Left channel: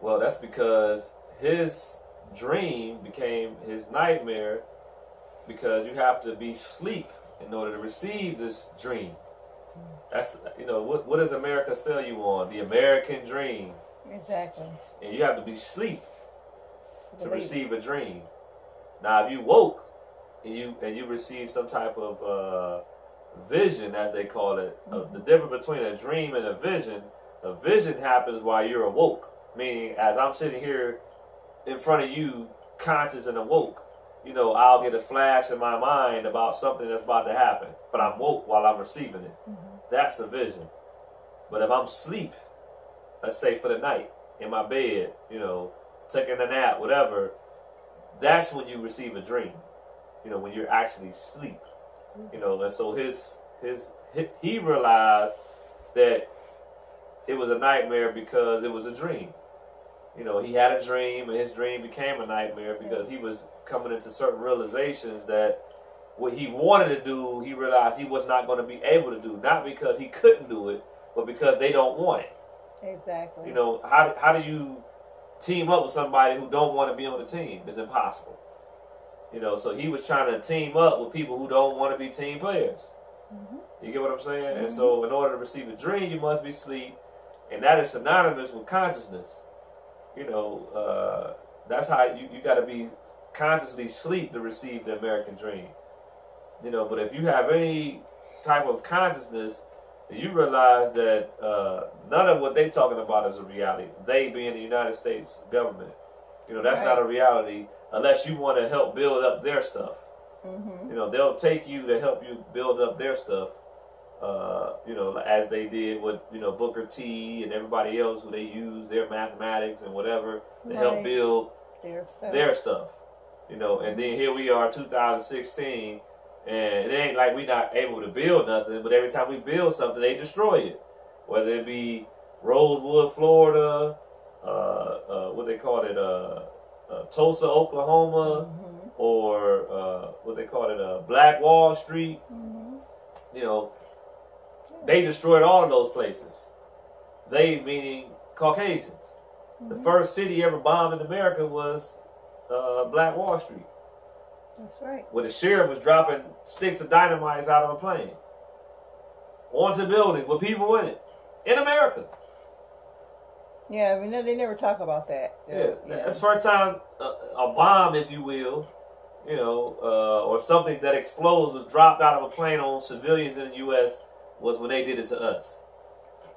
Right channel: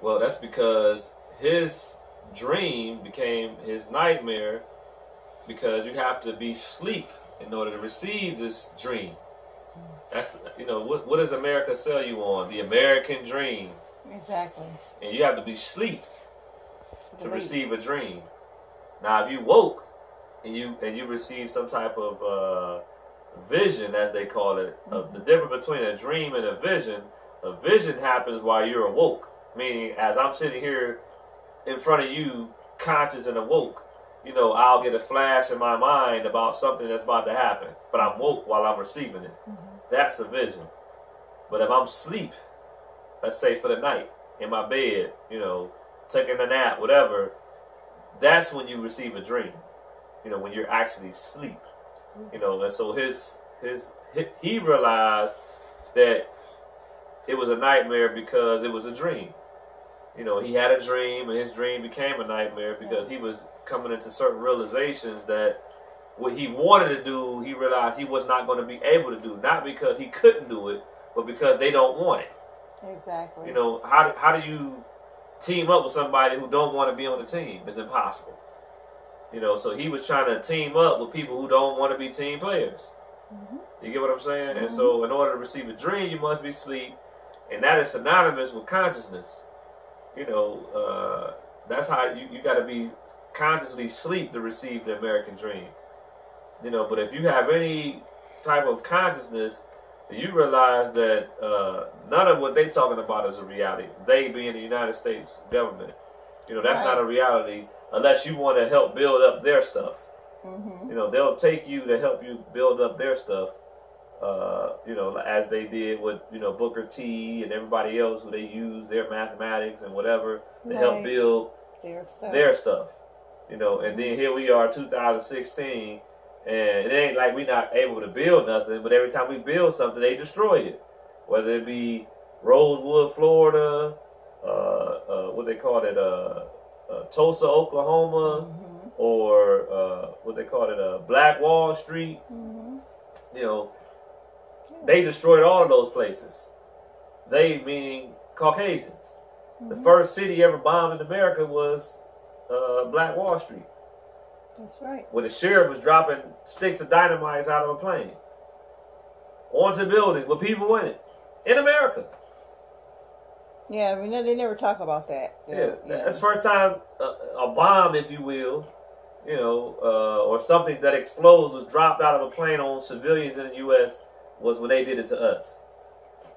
Well, that's because his dream became his nightmare because you have to be asleep in order to receive this dream. That's, what does America sell you on? The American dream. Exactly. And you have to be asleep to receive a dream. Now, if you woke and you receive some type of vision, as they call it, the difference between a dream and a vision happens while you're awoke. Meaning, as I'm sitting here in front of you, conscious and awoke, I'll get a flash in my mind about something that's about to happen. But I'm woke while I'm receiving it. That's a vision. But if I'm asleep, let's say for the night, in my bed, taking a nap, whatever, that's when you receive a dream. When you're actually asleep. And so he realized that it was a nightmare because it was a dream. He had a dream, and his dream became a nightmare because he was coming into certain realizations that what he wanted to do, he realized he was not going to be able to do. Not because he couldn't do it, but because they don't want it. Exactly. How do you team up with somebody who don't want to be on the team? It's impossible. So he was trying to team up with people who don't want to be team players. You get what I'm saying? And so in order to receive a dream, you must be asleep. And that is synonymous with consciousness. That's how you got to be consciously asleep to receive the American dream. But if you have any type of consciousness, then you realize that none of what they talking about is a reality. They being the United States government. That's not a reality unless you want to help build up their stuff. They'll take you to help you build up their stuff. As they did with, Booker T and everybody else who they use their mathematics and whatever to help build their stuff. And then here we are, 2016, and it ain't like we're not able to build nothing, but every time we build something, they destroy it. Whether it be Rosewood, Florida, what they call it, Tulsa, Oklahoma, or what they call it, Black Wall Street, they destroyed all of those places. They meaning Caucasians. The first city ever bombed in America was Black Wall Street. That's right. Where the sheriff was dropping sticks of dynamite out of a plane onto buildings with people in it in America. Yeah, they never talk about that. That's the first time a bomb, if you will, or something that explodes was dropped out of a plane on civilians in the U.S. was when they did it to us.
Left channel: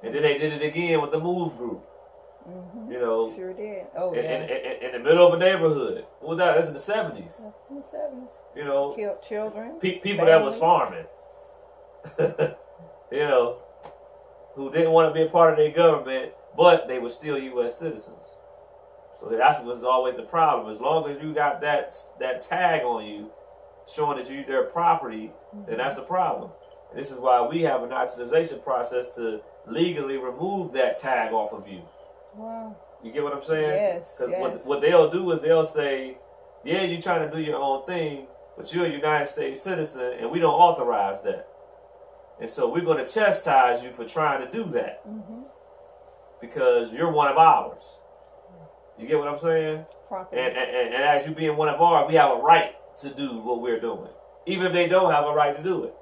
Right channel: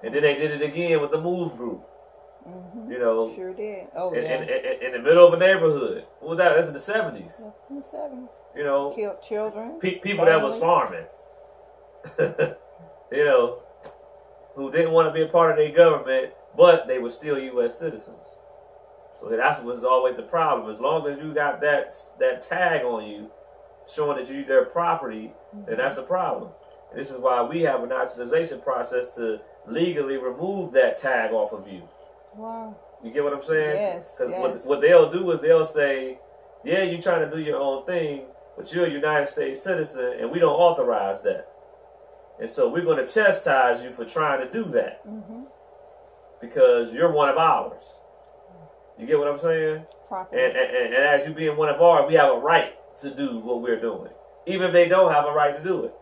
And then they did it again with the MOVE group. Sure did. In the middle of a neighborhood. What was that? That's in the 70s. In the 70s. Killed children. People that was farming. Who didn't want to be a part of their government, but they were still U.S. citizens. So that's what's always the problem. As long as you got that tag on you, showing that you're their property, then that's a problem. And this is why we have a naturalization process to legally remove that tag off of you. Wow. You get what I'm saying? Yes. Because what they'll do is they'll say, yeah, you're trying to do your own thing, but you're a United States citizen, and we don't authorize that. And so we're going to chastise you for trying to do that. Because you're one of ours. You get what I'm saying? And as you being one of ours, we have a right to do what we're doing. Even if they don't have a right to do it.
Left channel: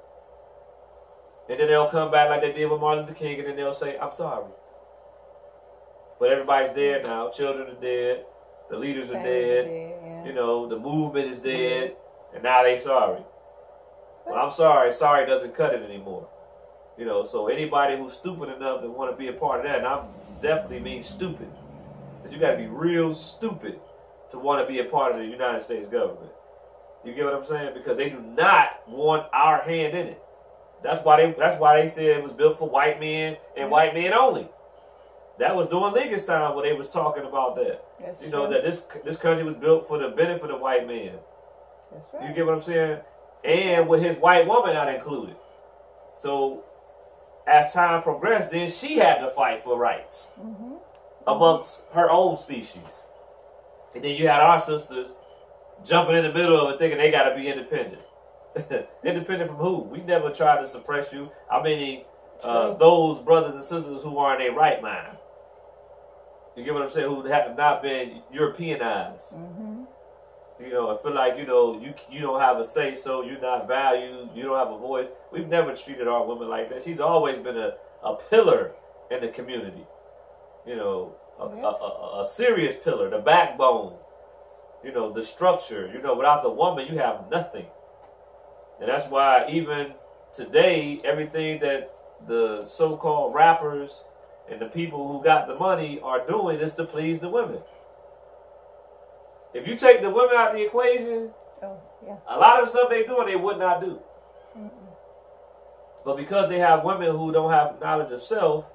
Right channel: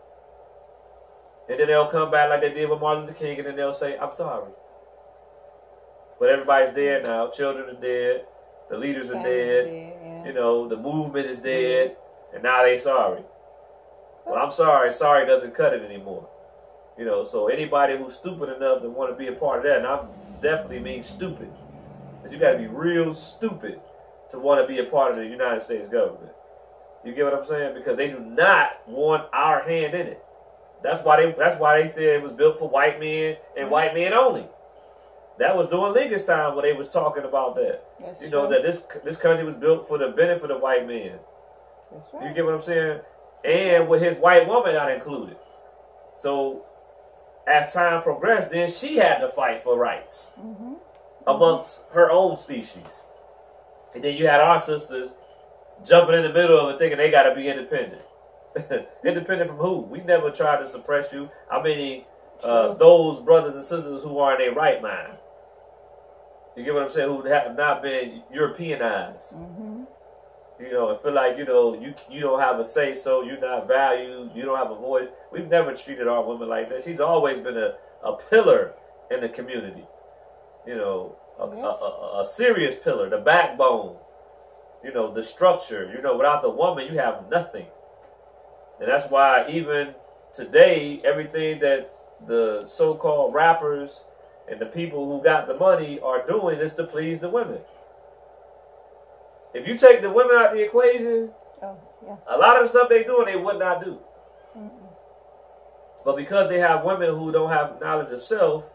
And then they'll come back like they did with Martin Luther King, and then they'll say, I'm sorry. But everybody's dead now. Children are dead. The leaders are dead. The movement is dead. And now they're sorry. Well, I'm sorry. Sorry doesn't cut it anymore. So anybody who's stupid enough to want to be a part of that, and I definitely mean stupid. But you got to be real stupid to want to be a part of the United States government. You get what I'm saying? Because they do not want our hand in it. That's why they said it was built for white men and white men only. That was during Lincoln's time when they was talking about that. That's true. That this country was built for the benefit of white men. That's right. You get what I'm saying? And with his white woman not included. So as time progressed, then she had to fight for rights amongst her own species. And then you had our sisters jumping in the middle of it thinking they got to be independent. Independent from who? We never tried to suppress you. I mean, those brothers and sisters who are in their right mind. You get what I'm saying? Who have not been Europeanized. Mm-hmm. You know, and feel like, you know, you don't have a say so, you're not valued, you don't have a voice. We've never treated our women like that. She's always been a pillar in the community. You know, a serious pillar, the backbone. You know, the structure. You know, without the woman, you have nothing. And that's why even today, everything that the so-called rappers and the people who got the money are doing is to please the women. If you take the women out of the equation, a lot of the stuff they doing, they would not do. Mm-mm. But because they have women who don't have knowledge of self,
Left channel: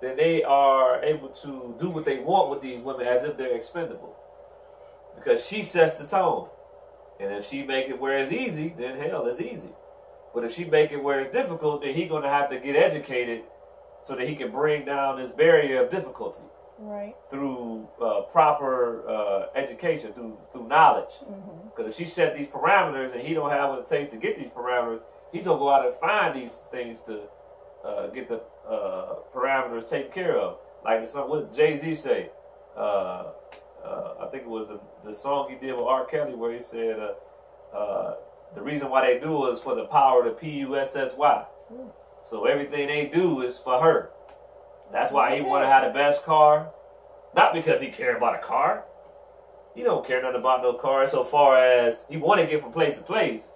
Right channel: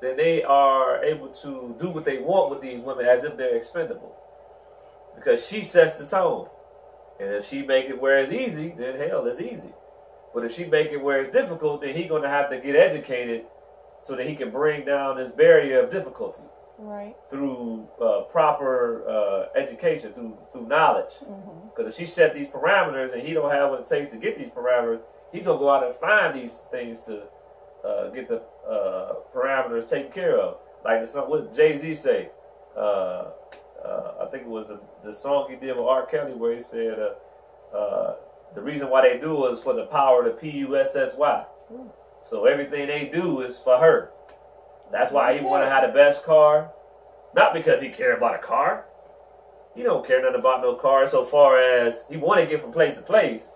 then they are able to do what they want with these women as if they're expendable. Because she sets the tone. And if she make it where it's easy, then hell, it's easy. But if she make it where it's difficult, then he's going to have to get educated so that he can bring down this barrier of difficulty. Right. Through proper education, through knowledge. Because if she set these parameters and he don't have what it takes to get these parameters, he's going to go out and find these things to get the parameters taken care of. Like what Jay-Z say. I think it was the song he did with R. Kelly where he said the reason why they do it is for the power of the P-U-S-S-Y. So everything they do is for her. That's why he want to have the best car. Not because he care about a car. He don't care nothing about no car so far as he want to get from place to place.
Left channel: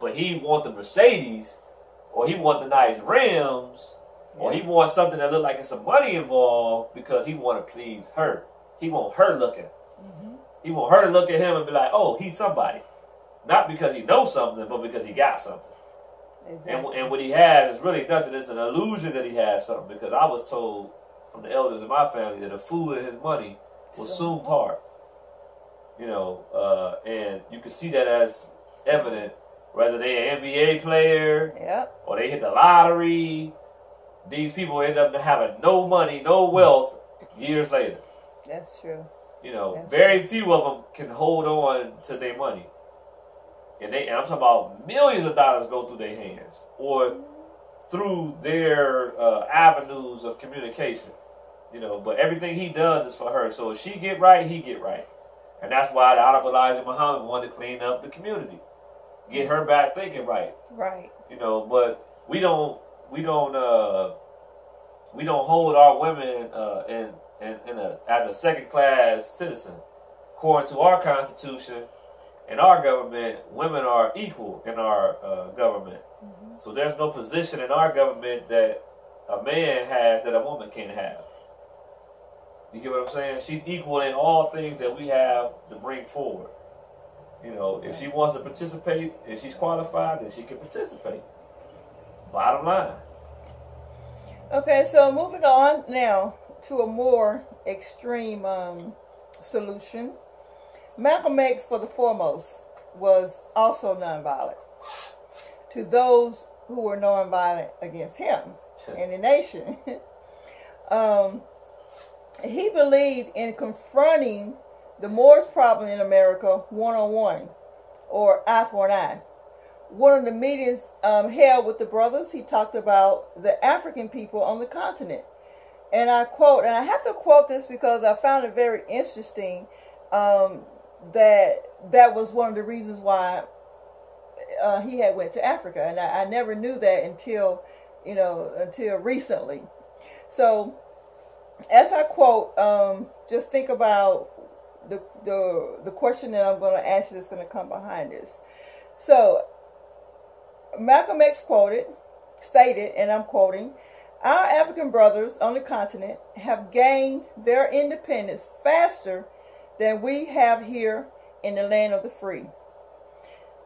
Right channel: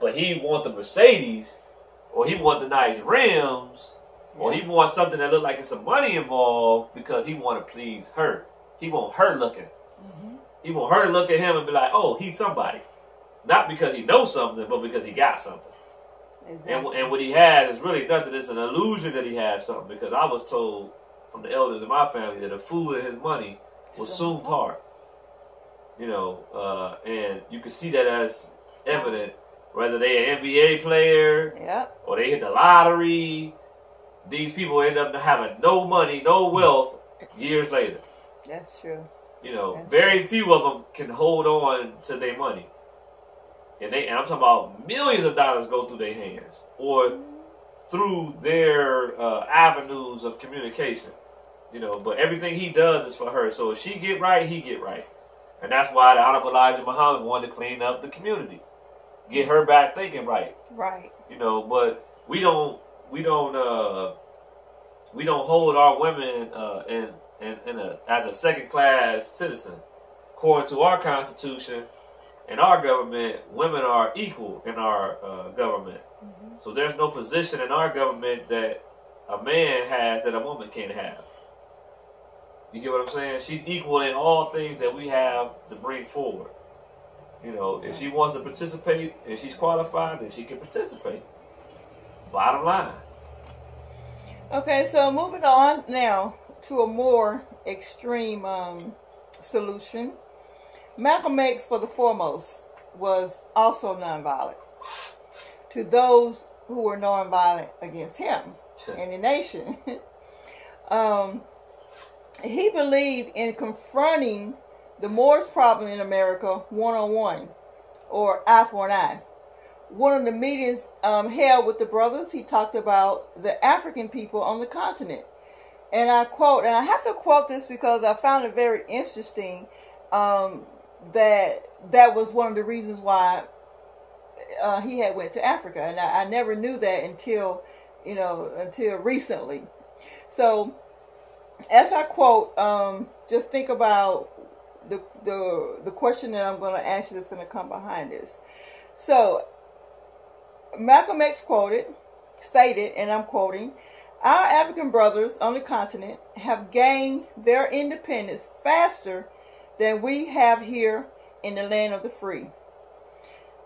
But he want the Mercedes, or he want the nice rims, or he want something that look like it's some money involved because he want to please her. He want her looking. He want her to look at him and be like, oh, he's somebody. Not because he knows something, but because he got something. Exactly. And what he has is really nothing. It's an illusion that he has something. Because I was told from the elders in my family that a fool and his money will soon part. You know, and you can see that as evident. Whether they're an NBA player or they hit the lottery, these people end up having no money, no wealth years later. That's true. You know, very few of them can hold on to their money. And I'm talking about millions of dollars go through their hands or through their avenues of communication. You know, but everything he does is for her. So if she get right, he get right. And that's why the Honorable Elijah Muhammad wanted to clean up the community. Get her back thinking right. Right. You know, but we don't hold our women as a second class citizen. According to our Constitution, in our government, women are equal in our government. So there's no position in our government that a man has that a woman can't have. You get what I'm saying? She's equal in all things that we have to bring forward. You know, if she wants to participate and she's qualified, then she can participate. Bottom line. Okay, so moving on now to a more extreme solution. Malcolm X, for the foremost, was also nonviolent. To those who were nonviolent against him and the nation, he believed in confronting the Moorish problem in America one-on-one, or eye for an eye. One of the meetings held with the brothers, he talked about the African people on the continent. And I quote, and I have to quote this because I found it very interesting, that was one of the reasons why he had went to Africa. And I never knew that until recently. So as I quote, just think about the question that I'm going to ask you that's going to come behind this. So Malcolm X stated, and I'm quoting, "Our African brothers on the continent have gained their independence faster than we have here in the land of the free.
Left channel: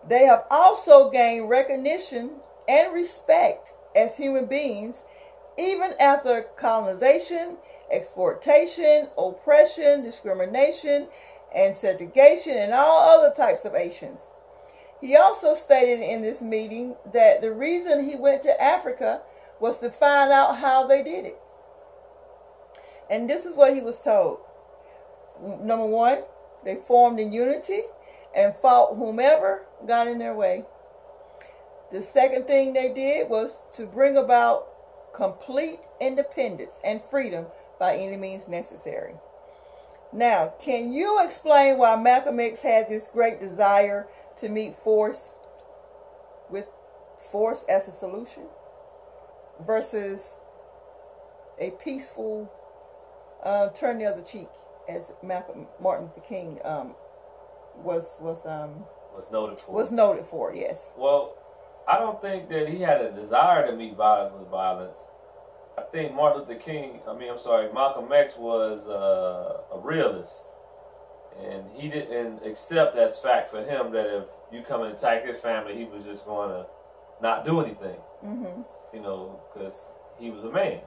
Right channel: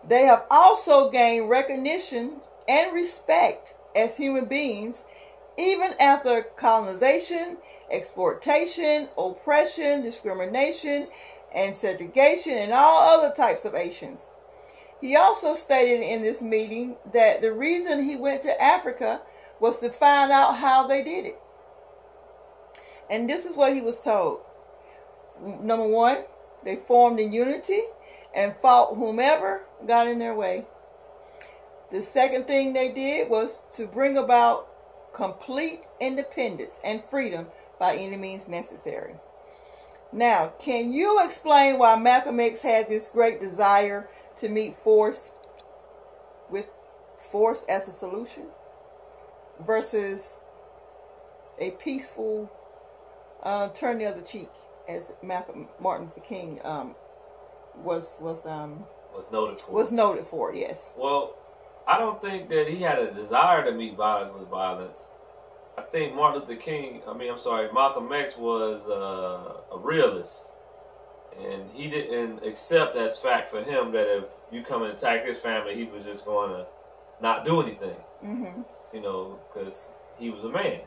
They have also gained recognition and respect as human beings, even after colonization, exploitation, oppression, discrimination, and segregation, and all other types of Asians." He also stated in this meeting that the reason he went to Africa was to find out how they did it. And this is what he was told. Number one, they formed in unity and fought whomever got in their way. The second thing they did was to bring about complete independence and freedom by any means necessary. Now, can you explain why Malcolm X had this great desire to meet force with force as a solution versus a peaceful turn the other cheek, as Martin Luther King was noted for? Yes. Well, I don't think that he had a desire to meet violence with violence. I think Malcolm X was a realist, and he didn't accept as fact for him that if you come and attack his family, he was just going to not do anything. Mm-hmm. You know, because he was a man,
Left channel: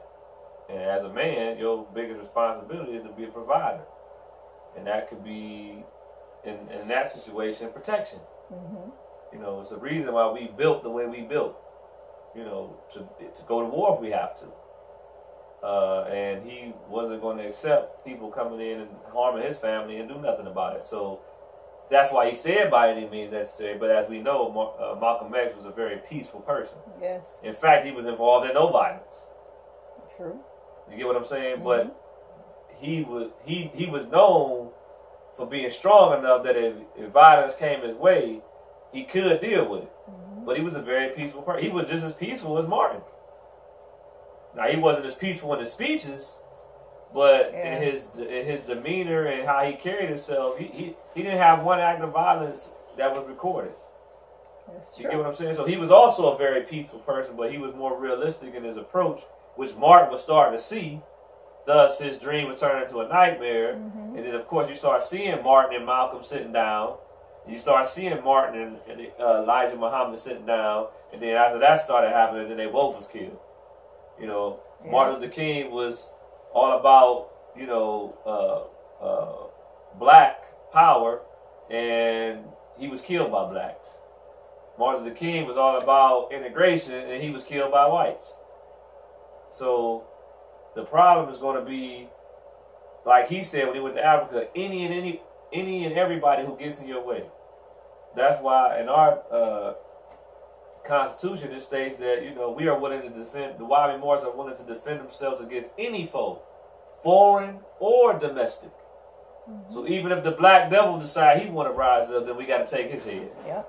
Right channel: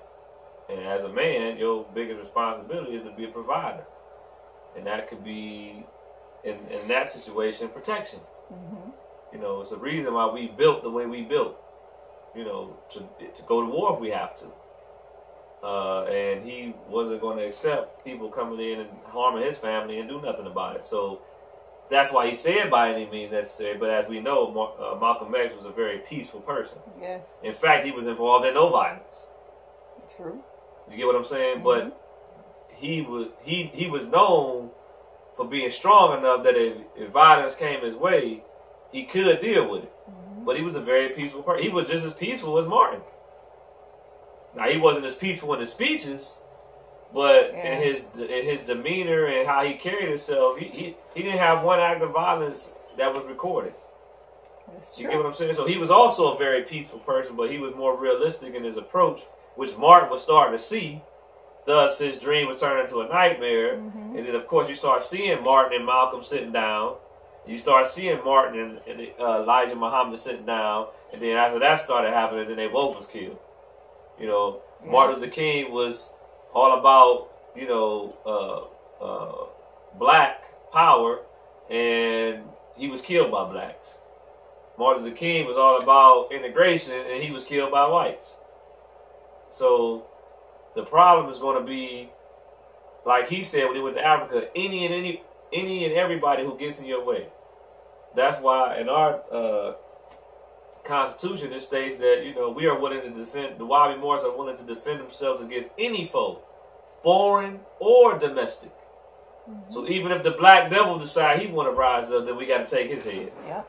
and as a man, your biggest responsibility is to be a provider, and that could be in that situation protection. Mm-hmm. You know, it's a reason why we built the way we built. You know, to go to war if we have to. And he wasn't going to accept people coming in and harming his family and do nothing about it. So that's why he said by any means necessary. But as we know, Malcolm X was a very peaceful person. Yes. In fact, he was involved in no violence. True. You get what I'm saying? Mm-hmm. But he was known for being strong enough that if violence came his way, he could deal with it. Mm-hmm. But he was a very peaceful person. He was just as peaceful as Martin. Now, he wasn't as peaceful in his speeches, but in his demeanor and how he carried himself, he didn't have one act of violence that was recorded. That's you true. get what I'm saying? So he was also a very peaceful person, but he was more realistic in his approach, which Martin was starting to see. Thus, his dream would turn into a nightmare. Mm-hmm. And then, of course, you start seeing Martin and Malcolm sitting down. You start seeing Martin and Elijah Muhammad sitting down. And then after that started happening, then they both was killed. You know, yeah. Martin Luther King was all about, black power, and he was killed by blacks. Martin Luther King was all about integration, and he was killed by whites. So the problem is going to be, like he said when he went to Africa, any and everybody who gets in your way. That's why in our Constitution it states that we are willing to defend. The Wabi Moors are willing to defend themselves against any foe, foreign or domestic. Mm-hmm. So even if the black devil decide he want to rise up, then we got to take his head. Yeah.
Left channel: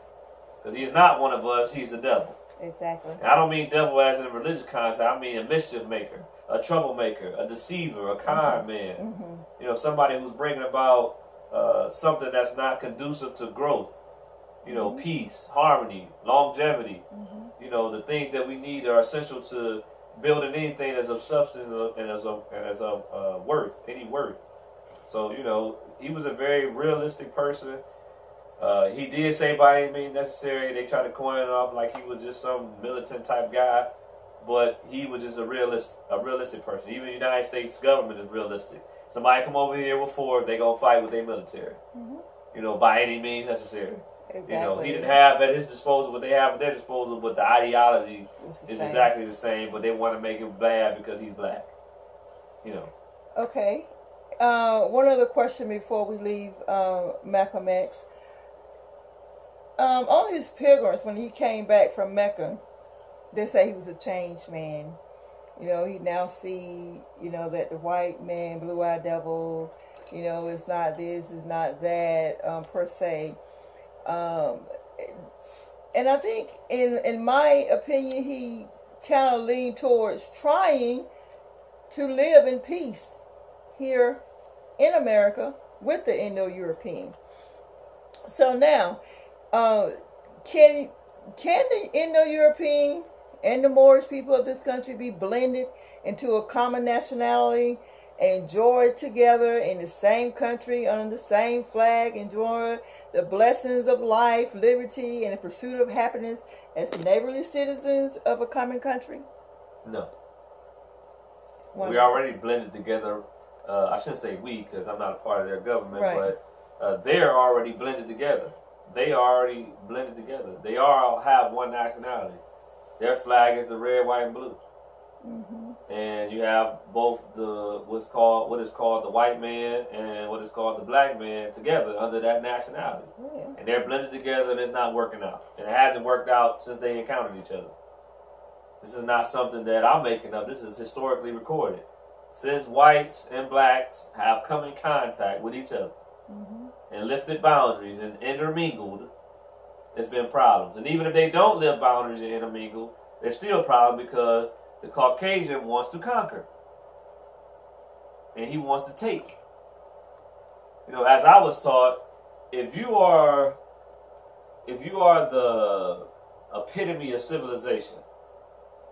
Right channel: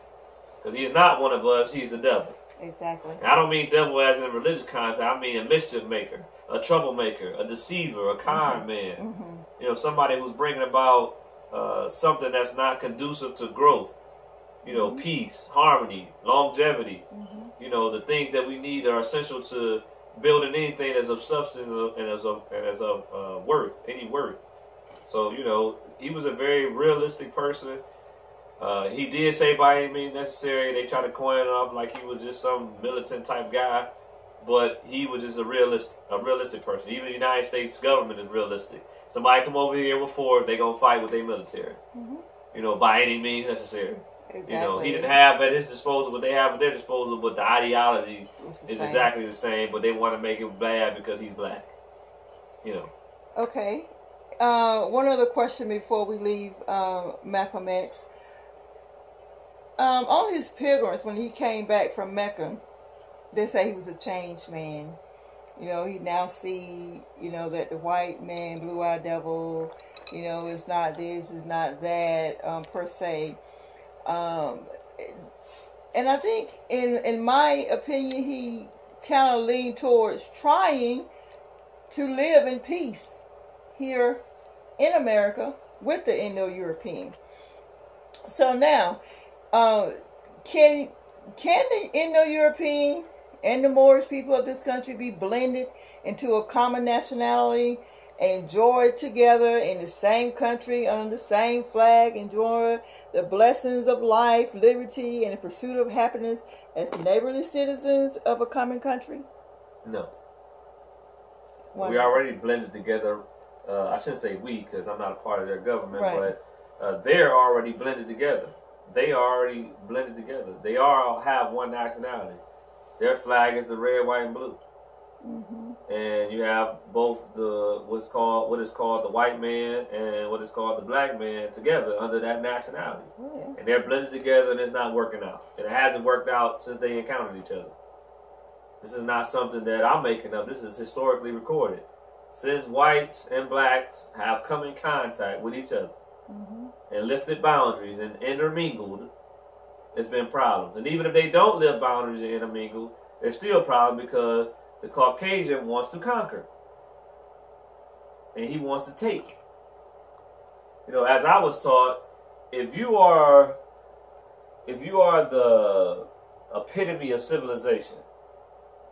Because he's not one of us. He's the devil. Exactly. And I don't mean devil as in a religious context. I mean a mischief maker, a troublemaker, a deceiver, a con man. Mm-hmm. Somebody who's bringing about something that's not conducive to growth. Peace, harmony, longevity. Mm-hmm. The things that we need are essential to building anything that's of substance and as of worth, any worth. So, he was a very realistic person. He did say by any means necessary. They tried to coin it off like he was just some militant type guy, but he was just a realistic person. Even the United States government is realistic. Somebody come over here with force, they gonna fight with their military. Mm-hmm. By any means necessary. Exactly. He didn't have at his disposal what they have at their disposal, but the ideology is exactly the same. But they want to make it bad because he's black. Okay. One other question before we leave Malcolm X. On his pilgrims, when he came back from Mecca, they say he was a changed man. He now see, that the white man, blue-eyed devil, is not this, is not that, per se. And I think, in my opinion, he kind of leaned towards trying to live in peace here in America with the Indo-European. So now, can the Indo-European and the Moorish people of this country be blended into a common nationality and enjoy together in the same country under the same flag, enjoy the blessings of life, liberty, and the pursuit of happiness as neighborly citizens of a common country? No. Why We not? already blended together. I shouldn't say we because I'm not a part of their government, Right. but they're already blended together. They already blended together. They all have one nationality. Their flag is the red, white, and blue. Mm-hmm. And you have both what is called the white man and what is called the black man together under that nationality. Oh, yeah. And they're blended together, and it's not working out. And it hasn't worked out since they encountered each other. This is not something that I'm making up. This is historically recorded. since whites and blacks have come in contact with each other and lifted boundaries and intermingled, there's been problems. And even if they don't lift boundaries and intermingle, there's still a problem because the Caucasian wants to conquer. And he wants to take. You know, as I was taught, if you are the epitome of civilization,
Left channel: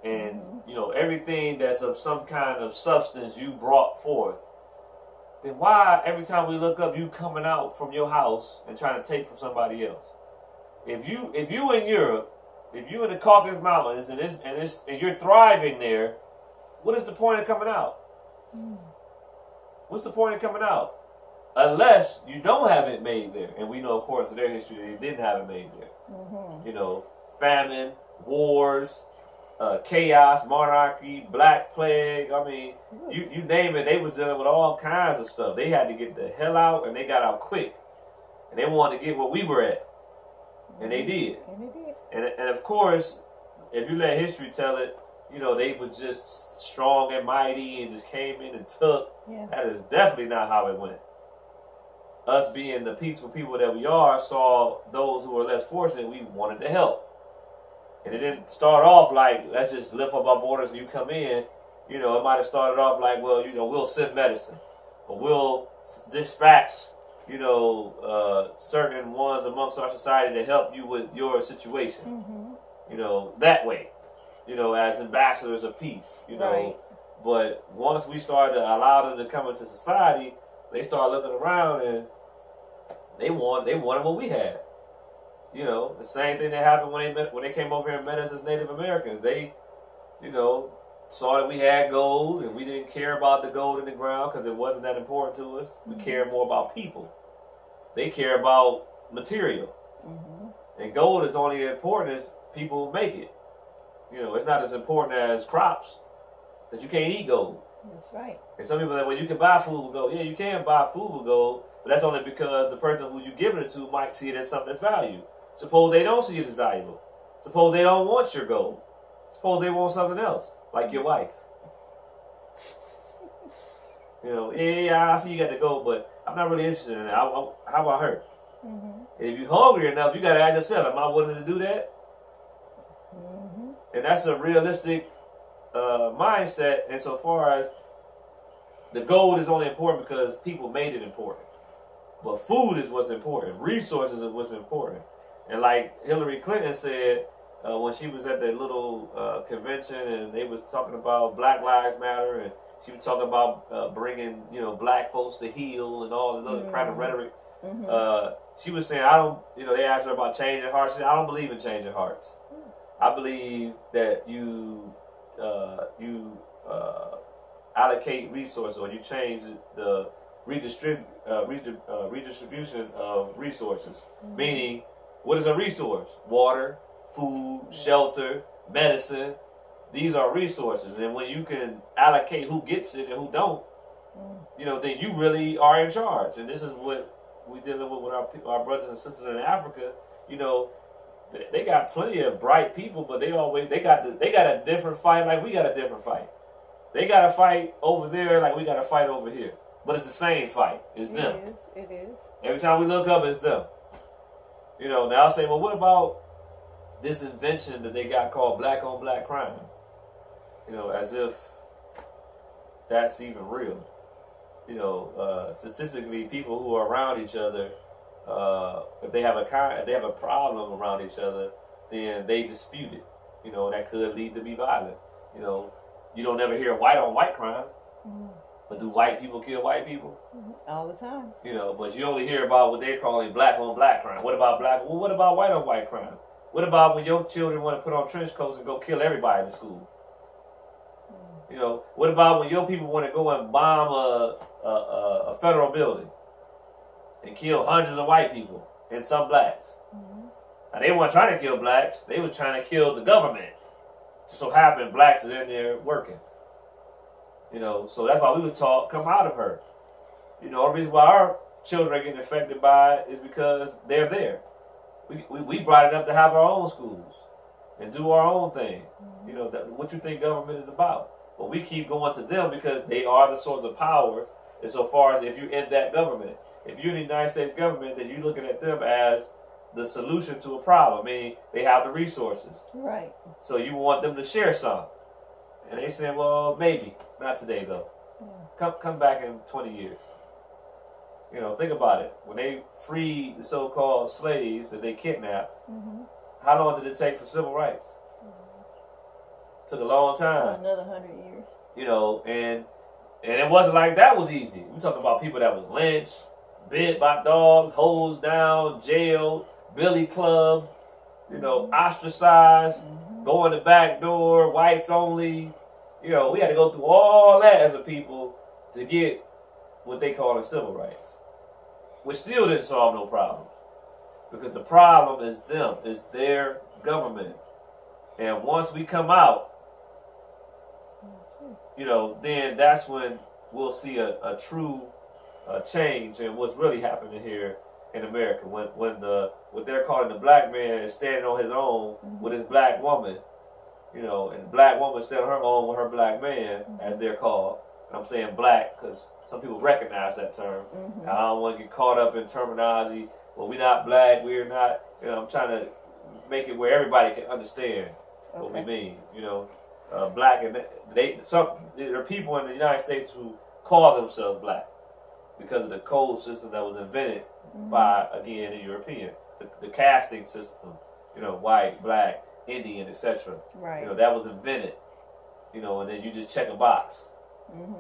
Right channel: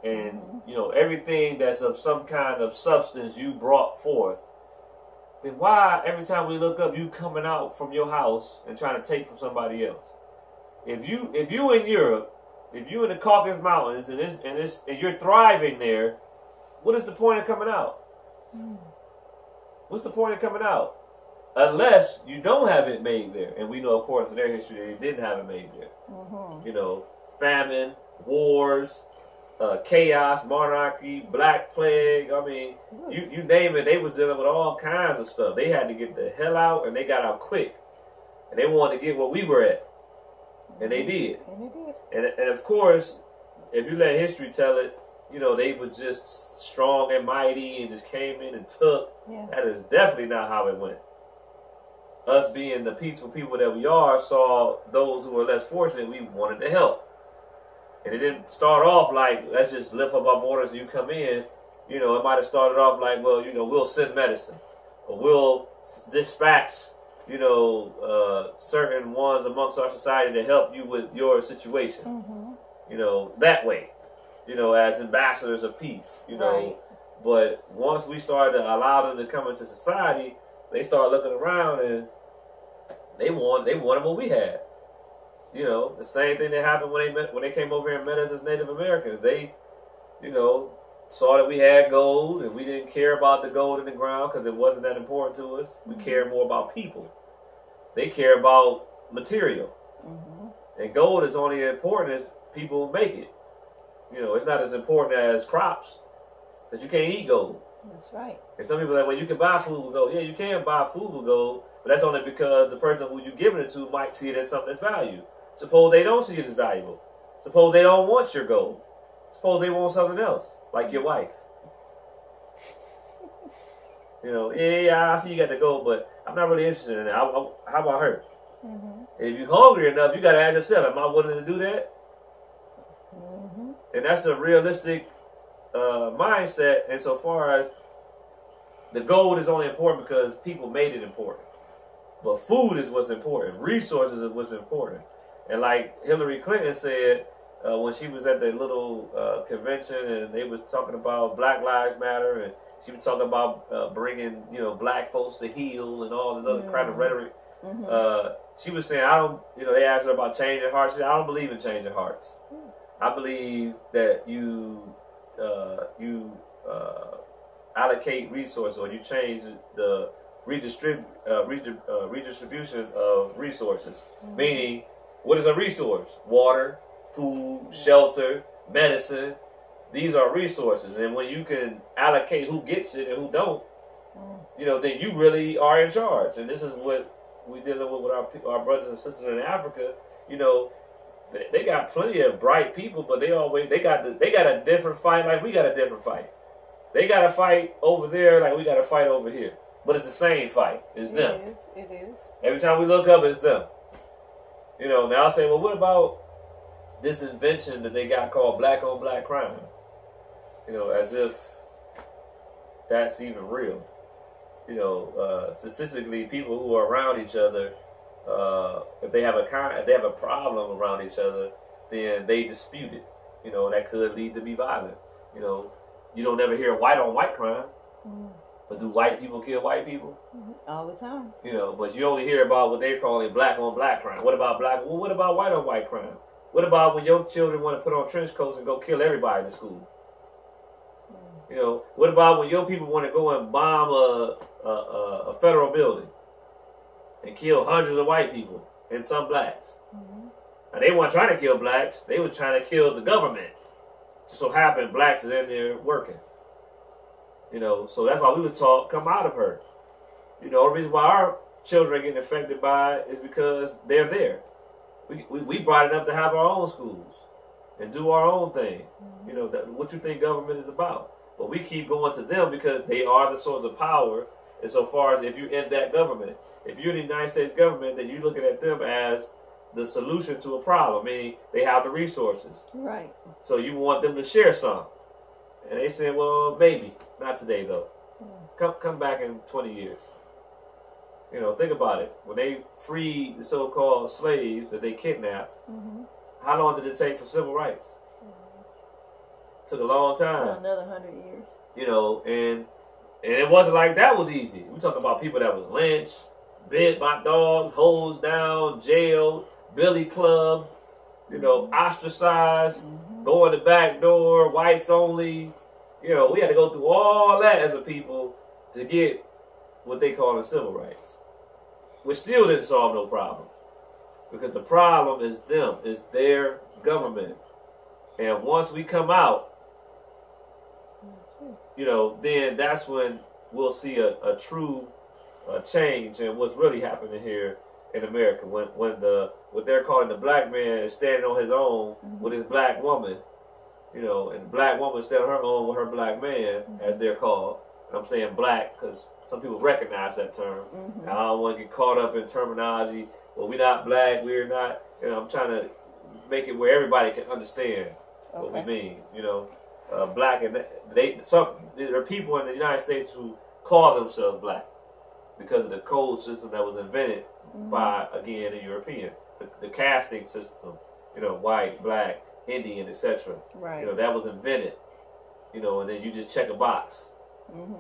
and you know everything that's of some kind of substance you brought forth, then why every time we look up you coming out from your house and trying to take from somebody else? If you in Europe, if you in the Caucasus Mountains and you're thriving there, what is the point of coming out? What's the point of coming out? Unless you don't have it made there, and we know according to their history they didn't have it made there. You know, famine, wars, chaos, monarchy, black plague. I mean, you name it. They was dealing with all kinds of stuff. They had to get the hell out, and they got out quick. And they wanted to get where we were at, and they did. And of course, if you let history tell it, you know, they was just strong and mighty and just came in and took. Yeah. That is definitely not how it went. Us being the peaceful people that we are, saw those who were less fortunate. We wanted to help. And it didn't start off like, let's just lift up our borders and you come in. You know, it might have started off like, well, you know, we'll send medicine. Or we'll dispatch, you know, certain ones amongst our society to help you with your situation. You know, that way. You know, as ambassadors of peace. You know. Right. But once we started to allow them to come into society, they started looking around and they wanted what we had. You know, the same thing that happened when they came over here and met us as Native Americans. They, you know, saw that we had gold and we didn't care about the gold in the ground because it wasn't that important to us. We cared more about people. They care about material. And gold is only as important as people make it. You know, it's not as important as crops because you can't eat gold. That's right. And some people that when you can buy food with gold, yeah, you can buy food with gold, but that's only because the person who you're giving it to might see it as something that's valued. Suppose they don't see it as valuable. Suppose they don't want your gold. Suppose they want something else, like your wife. You know, yeah, I see you got the gold, but I'm not really interested in that. How about her? If you're hungry enough, you got to ask yourself, am I willing to do that? And that's a realistic mindset insofar as the gold is only important because people made it important. But food is what's important. Resources is what's important. And like Hillary Clinton said when she was at the little convention and they was talking about Black Lives Matter and she was talking about bringing, you know, black folks to heal and all this other kind of rhetoric. She was saying, I don't, you know, they asked her about changing hearts. She said, I don't believe in changing hearts. I believe that you allocate resources or you change the redistribution of resources. Meaning, what is a resource? Water, food, shelter, medicine. These are resources. And when you can allocate who gets it and who don't, you know, then you really are in charge. And this is what we're dealing with our brothers and sisters in Africa. You know, they got plenty of bright people, but they got a different fight like we got a different fight. They got a fight over there like we got a fight over here. But it's the same fight. It's them. It is. Every time we look up, it's them. You know, now I'll say, well, what about this invention that they got called black on black crime? You know, as if that's even real. You know, statistically, people who are around each other, if they have a problem around each other, then they dispute it. You know, that could lead to be violent. You know, you don't ever hear white on white crime, but do white people kill white people? All the time. You know, but you only hear about what they're calling black on black crime. What about what about white on white crime? What about when your children want to put on trench coats and go kill everybody in school? You know, what about when your people want to go and bomb a federal building and kill hundreds of white people and some blacks? Now, they weren't trying to kill blacks. They were trying to kill the government. Just so happened blacks are in there working. You know, so that's why we was taught, come out of her. You know, the reason why our children are getting affected by it is because they're there. We brought it up to have our own schools and do our own thing. You know, what you think government is about? but we keep going to them because they are the source of power. And so far as if you're in that government, if you're in the United States government, then you're looking at them as the solution to a problem. I mean, they have the resources. Right. So you want them to share some. And they said, well, maybe. Not today, though. Come back in 20 years. You know, think about it. When they freed the so-called slaves that they kidnapped, how long did it take for civil rights? Took a long time. Another 100 years. You know, and it wasn't like that was easy. We talk about people that was lynched, bit by dogs, hosed down, jailed, billy club, you know, ostracized, go in the back door, whites only. You know, we had to go through all that as a people to get what they call the civil rights, which still didn't solve no problem, because the problem is them, is their government. And once we come out, you know, then that's when we'll see a true change in what's really happening here in America. When what they're calling the black man is standing on his own with his black woman, you know, and the black woman standing on her own with her black man, as they're called. And I'm saying black because some people recognize that term. I don't want to get caught up in terminology. Well, we're not black, we're not. You know, I'm trying to make it where everybody can understand what we mean. You know, black, and there are people in the United States who call themselves black because of the code system that was invented by, again, the European, the casting system. You know, white, black, Indian, etc. Right. You know, that was invented. You know, and then you just check a box.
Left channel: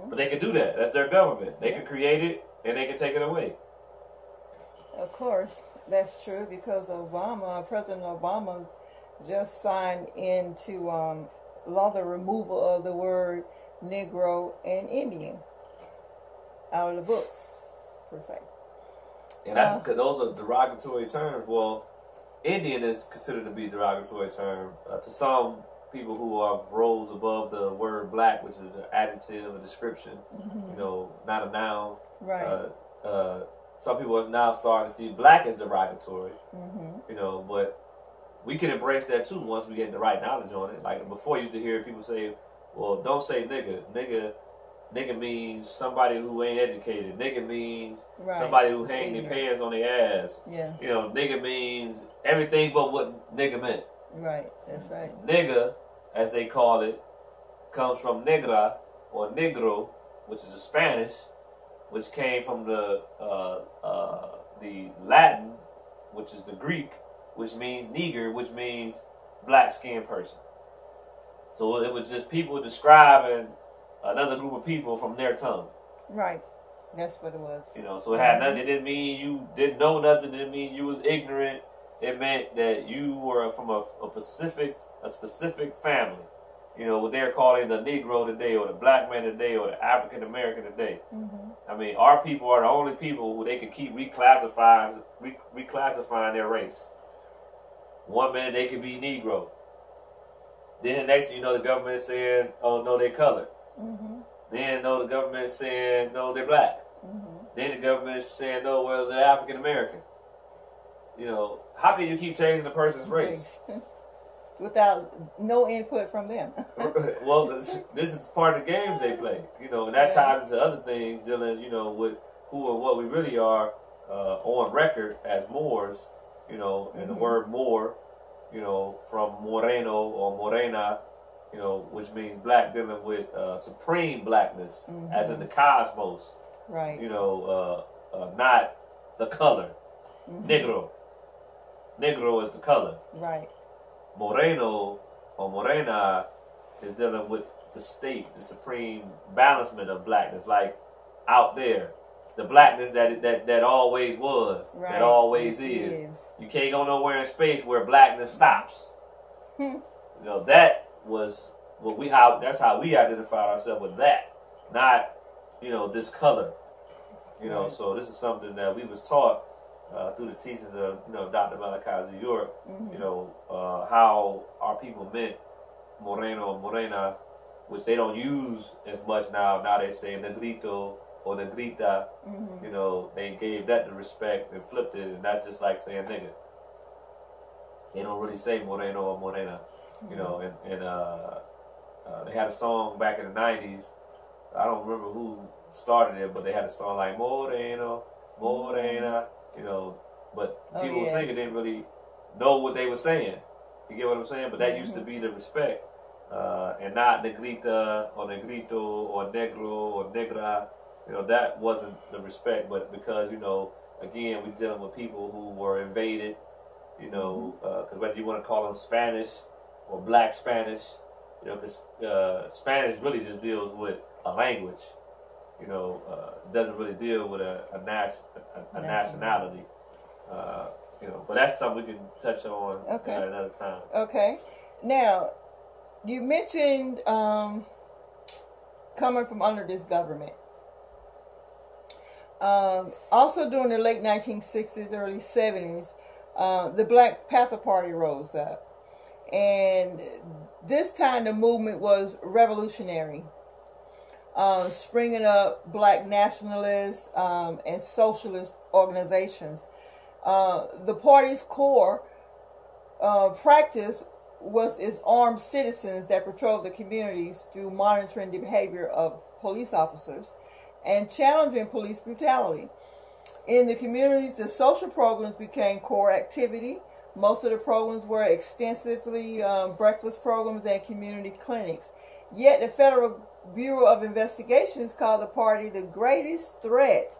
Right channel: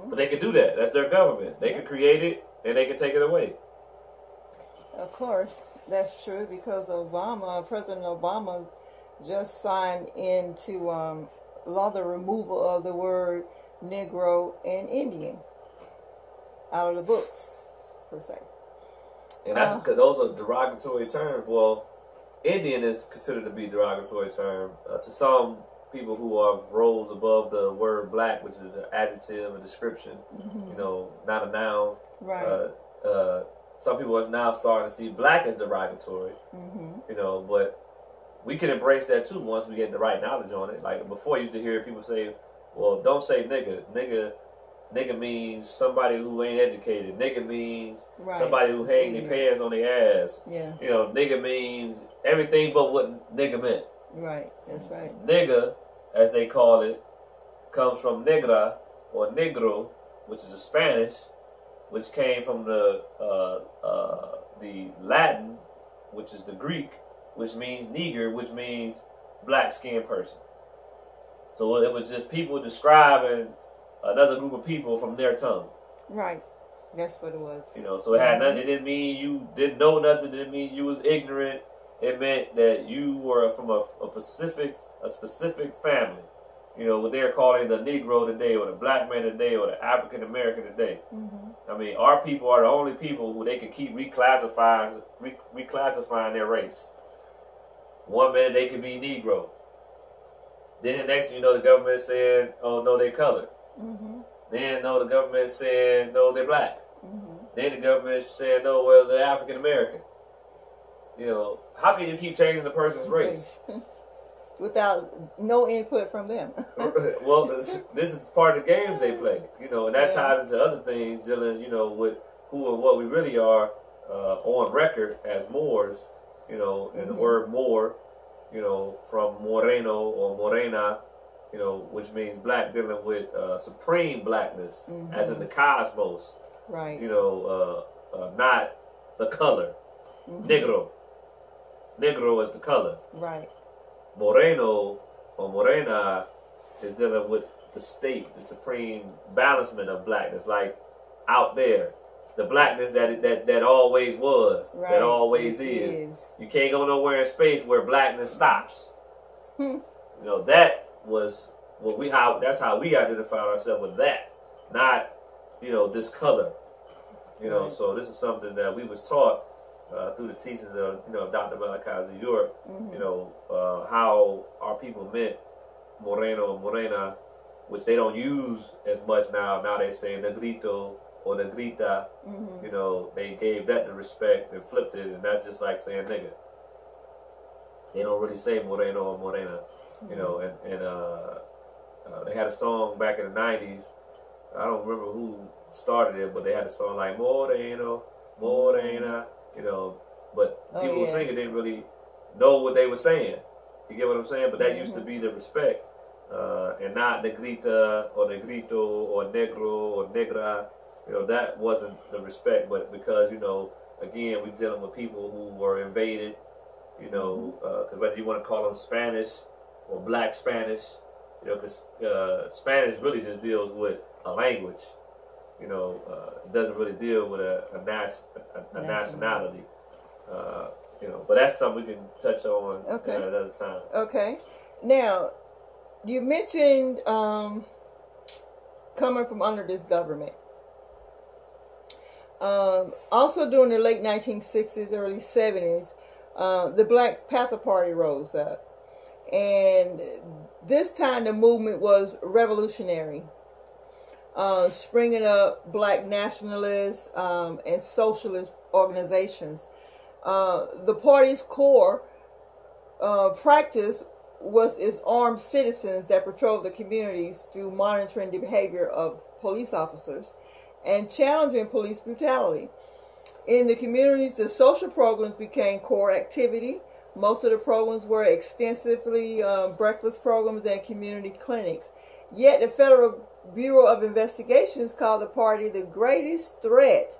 But they could do that. That's their government. They could create it and they can take it away. Of course, that's true, because President Obama just signed into law the removal of the word Negro and Indian out of the books, per se. And that's because those are derogatory terms. Well, Indian is considered to be a derogatory term to some people who are rose above the word black, which is an adjective, a description, you know, not a noun. Right. Some people are now starting to see black as derogatory, you know, but we can embrace that too once we get the right knowledge on it. Like before, I used to hear people say, well, don't say nigga. Nigga means somebody who ain't educated. Nigga means somebody who hang their pants on their ass. Yeah. You know, nigga means everything but what nigga meant. Right, that's right. Nigga, as they call it, comes from negra or negro, which is a Spanish, which came from the Latin, which is the Greek, which means Neger, which means black-skinned person. So it was just people describing another group of people from their tongue. Right. That's what it was. You know, so it had nothing. It didn't mean you didn't know nothing. It didn't mean you was ignorant. It meant that you were from a specific family. You know, what they're calling the Negro today, or the black man today, or the African American today. I mean, our people are the only people who they can keep reclassifying their race. One minute they can be Negro. Then the next thing you know, the government is saying, oh, no, they're colored. Then, no, the government is saying, no, they're black. Then the government is saying, no, well, they're African American. You know, how can you keep changing the person's race? Without no input from them. Well, this is part of the games they play. You know, and that ties into other things dealing, you know, with who and what we really are on record as Moors. You know, and the word Moor, you know, from Moreno or Morena, you know, which means black, dealing with supreme blackness, as in the cosmos. Right. You know, not the color. Negro. Negro is the color. Right. Moreno or Morena is dealing with the state, the supreme balancement of blackness, like out there. The blackness that always was, that always is. You can't go nowhere in space where blackness stops. You know, that was that's how we identify ourselves with that, not, you know, this color. You know, so this is something that we was taught through the teachings of, you know, Dr. Malachi Z. York. You know, how our people meant Moreno and Morena, which they don't use as much now. Now they say Negrito or Negrita. You know, they gave that the respect and flipped it, and that's just like saying nigga. They don't really say Moreno or Morena. You know, and They had a song back in the 90s. I don't remember who started it, but they had a song like Morena, Morena, you know. But people singing didn't really know what they were saying. You get what I'm saying? But that used to be the respect. And not negrita or negrito or negro or negra. You know, that wasn't the respect. But because, you know, again, we're dealing with people who were invaded, you know, because whether you want to call them Spanish or Black Spanish, you know, because Spanish really just deals with a language, you know, it doesn't really deal with a nationality, you know, but that's something we can touch on at another time. Okay. Now, you mentioned coming from under this government. Also during the late 1960s, early 70s, the Black Panther Party rose up. And this time the movement was revolutionary, springing up black nationalist and socialist organizations. The party's core practice was its armed citizens that patrolled the communities through monitoring the behavior of police officers and challenging police brutality. In the communities, the social programs became core activity. Most of the programs were extensively breakfast programs and community clinics. Yet the Federal Bureau of Investigations called the party the greatest threat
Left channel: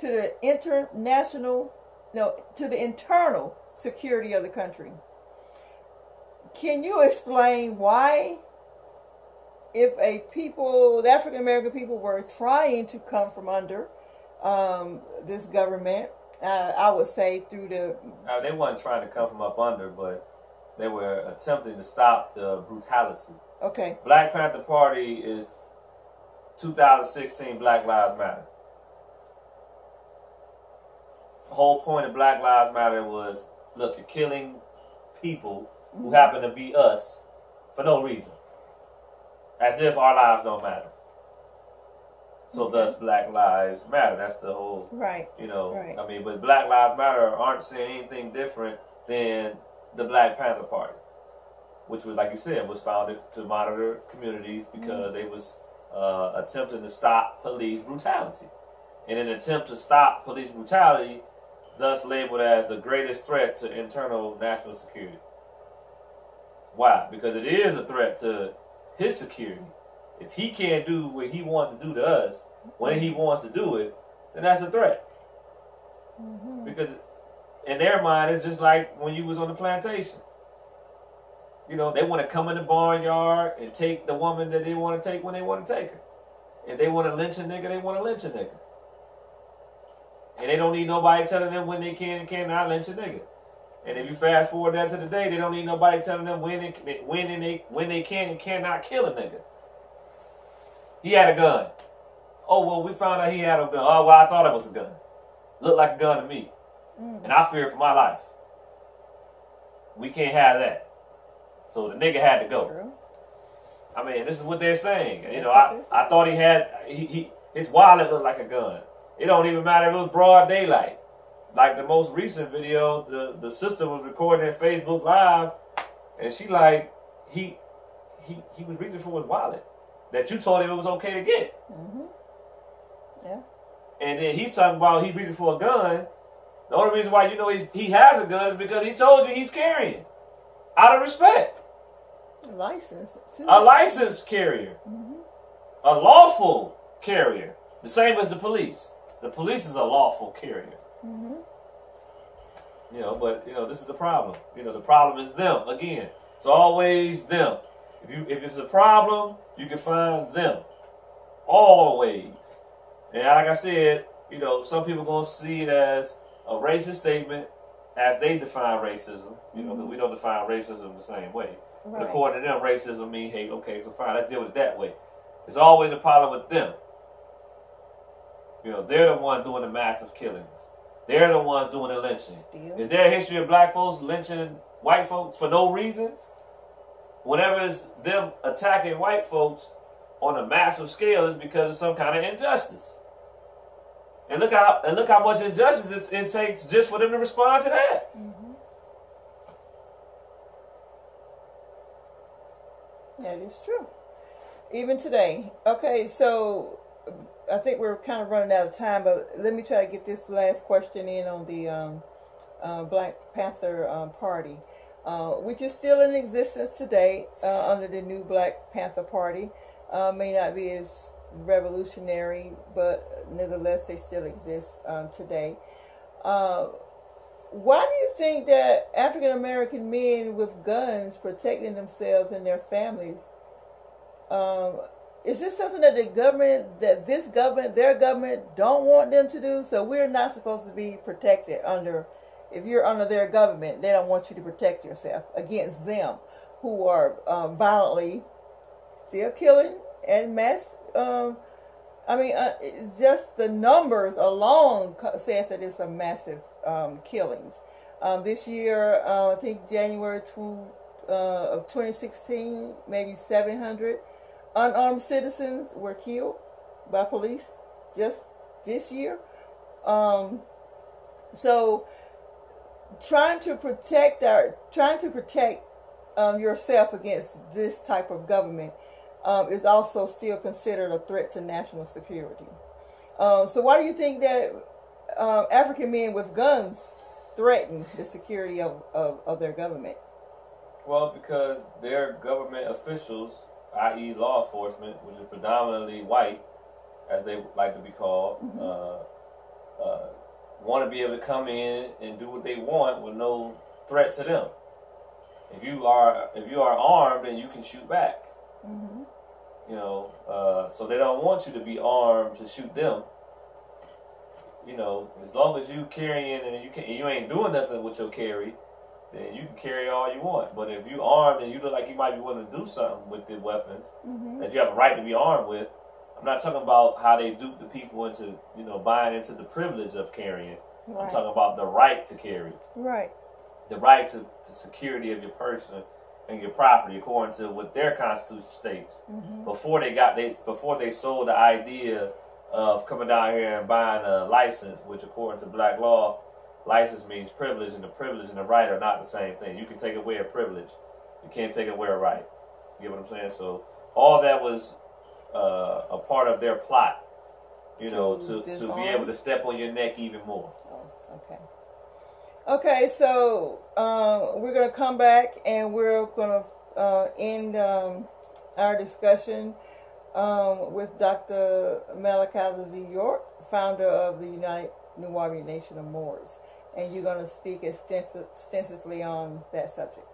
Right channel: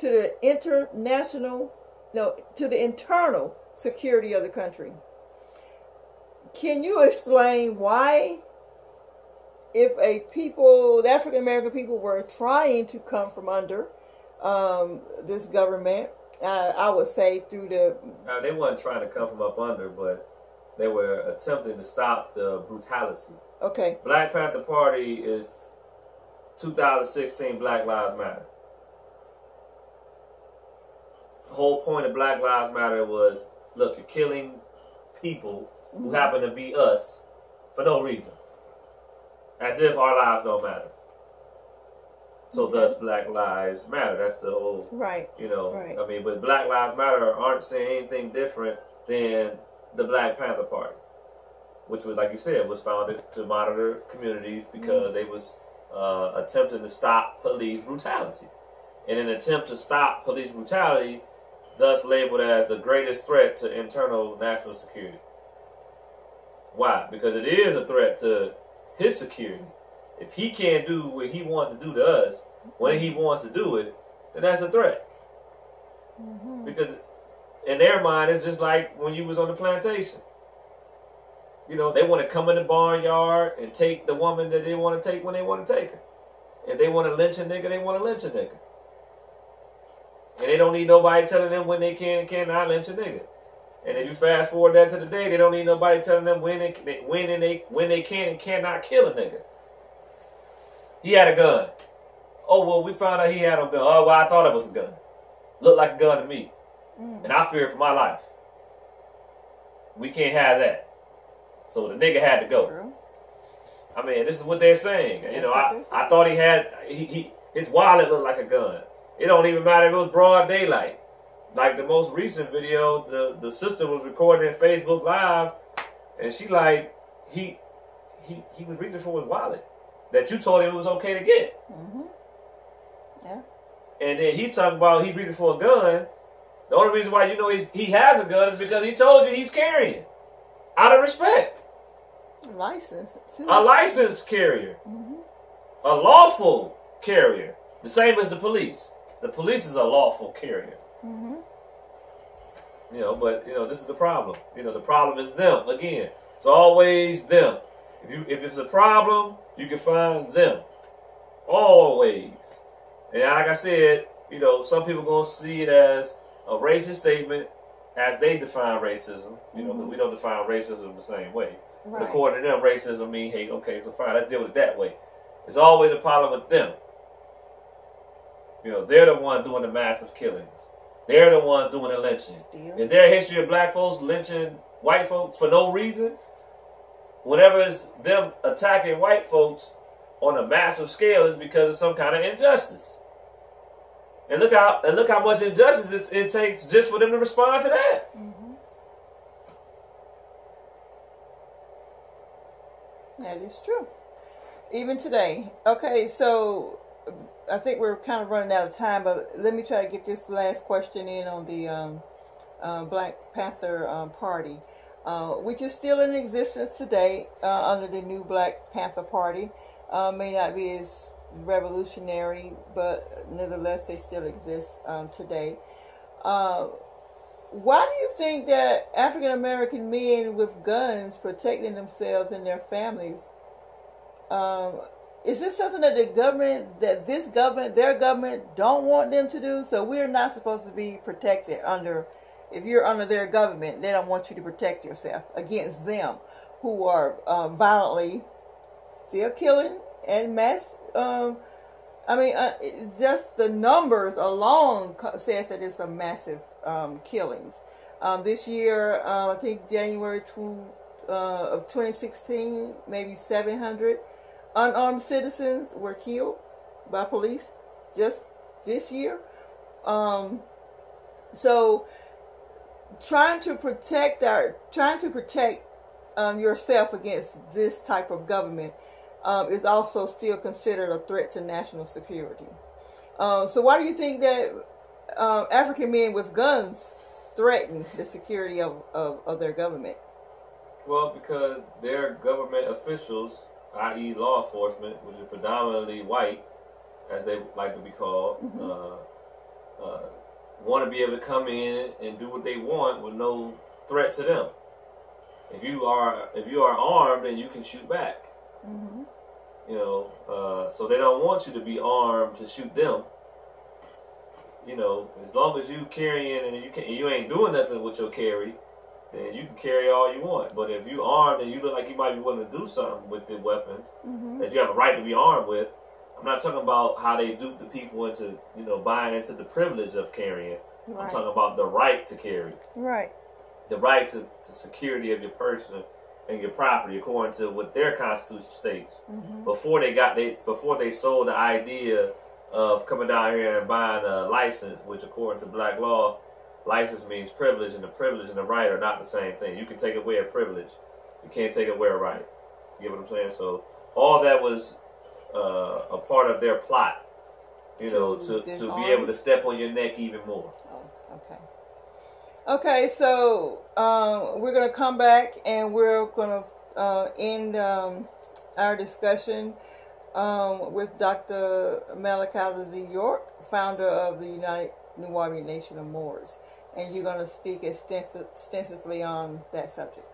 to the internal security of the country. Can you explain why, if the African American people were trying to come from under this government, I would say through the... they weren't trying to come from up under, but they were attempting to stop the brutality. Okay. Black Panther Party is 2016 Black Lives Matter. The whole point of Black Lives Matter was, look, you're killing people who happen to be us for no reason. As if our lives don't matter. So thus Black Lives Matter. That's the whole, you know, I mean, but Black Lives Matter aren't saying anything different than the Black Panther Party, which was, like you said, was founded to monitor communities because they was attempting to stop police brutality. In an attempt to stop police brutality, thus labeled as the greatest threat to internal national security. Why? Because it is a threat to his security. If he can't do what he wants to do to us, when he wants to do it, then that's a threat. Because in their mind, it's just like when you was on the plantation. You know, they want to come in the barnyard and take the woman that they want to take when they want to take her. If they want to lynch a nigga, they want to lynch a nigga. And they don't need nobody telling them when they can and cannot lynch a nigga. And if you fast forward that to the day, they don't need nobody telling them when they can and cannot kill a nigga. He had a gun. Oh, well, we found out he had a gun. Oh, well, I thought it was a gun. Looked like a gun to me. And I feared for my life. We can't have that. So the nigga had to go. True. I mean, this is what they're saying. You know, I thought he had, his wallet looked like a gun. It don't even matter if it was broad daylight. Like the most recent video, the sister was recording at Facebook Live, and she like, he was reaching for his wallet that you told him it was okay to get. Yeah. And then he's talking about he's reaching for a gun. The only reason why you know he has a gun is because he told you he's carrying. Out of respect. A license, too. A licensed carrier. A lawful carrier. The same as the police. The police is a lawful carrier. You know, but, you know, this is the problem. You know, the problem is them. Again, it's always them. If it's a problem, you can find them. Always. And like I said, you know, some people going to see it as a racist statement as they define racism. You know, because we don't define racism the same way. But according to them, racism means hate. Okay, so fine, let's deal with it that way. It's always a problem with them. You know, they're the ones doing the massive killings. They're the ones doing the lynching. Is there a history of black folks lynching white folks for no reason? Whenever it's them attacking white folks on a massive scale, it's because of some kind of injustice. And look how much injustice it takes just for them to respond to that. That is true. Even today. Okay, so I think we're kind of running out of time, but let me try to get this last question in on the Black Panther Party, which is still in existence today under the new Black Panther Party. May not be as revolutionary, but nevertheless they still exist today. Why do you think that African American men with guns protecting themselves and their families, is this something that their government don't want them to do? So we're not supposed to be protected if you're under their government, they don't want you to protect yourself against them who are violently still killing and mass. Just the numbers alone says that it's a massive killings. This year, I think January of 2016, maybe 700 unarmed citizens were killed by police just this year. So trying to protect yourself against this type of government is also still considered a threat to national security. So why do you think that African men with guns threaten the security of their government? Well, because their government officials, i.e. law enforcement, which is predominantly white, as they like to be called, want to be able to come in and do what they want with no threat to them. If you are armed, then you can shoot back. You know, so they don't want you to be armed to shoot them. You know, as long as you carrying and you ain't doing nothing with your carry, then you can carry all you want. But if you armed and you look like you might be willing to do something with the weapons that you have a right to be armed with, I'm not talking about how they dupe the people into, you know, buying into the privilege of carrying. Right. I'm talking about the right to carry. Right. The right to security of your person and your property according to what their constitution states. Before they sold the idea of coming down here and buying a license, which according to black law, license means privilege, and the privilege and the right are not the same thing. You can take away a privilege, you can't take away a right. You get what I'm saying? So all that was a part of their plot, you know, to be able to step on your neck even more. Oh, okay. Okay, so we're going to come back and we're going to end our discussion with Dr. Malakazi York, founder of the United Nuwabi Nation of Moors. And you're going to speak extensively on that subject.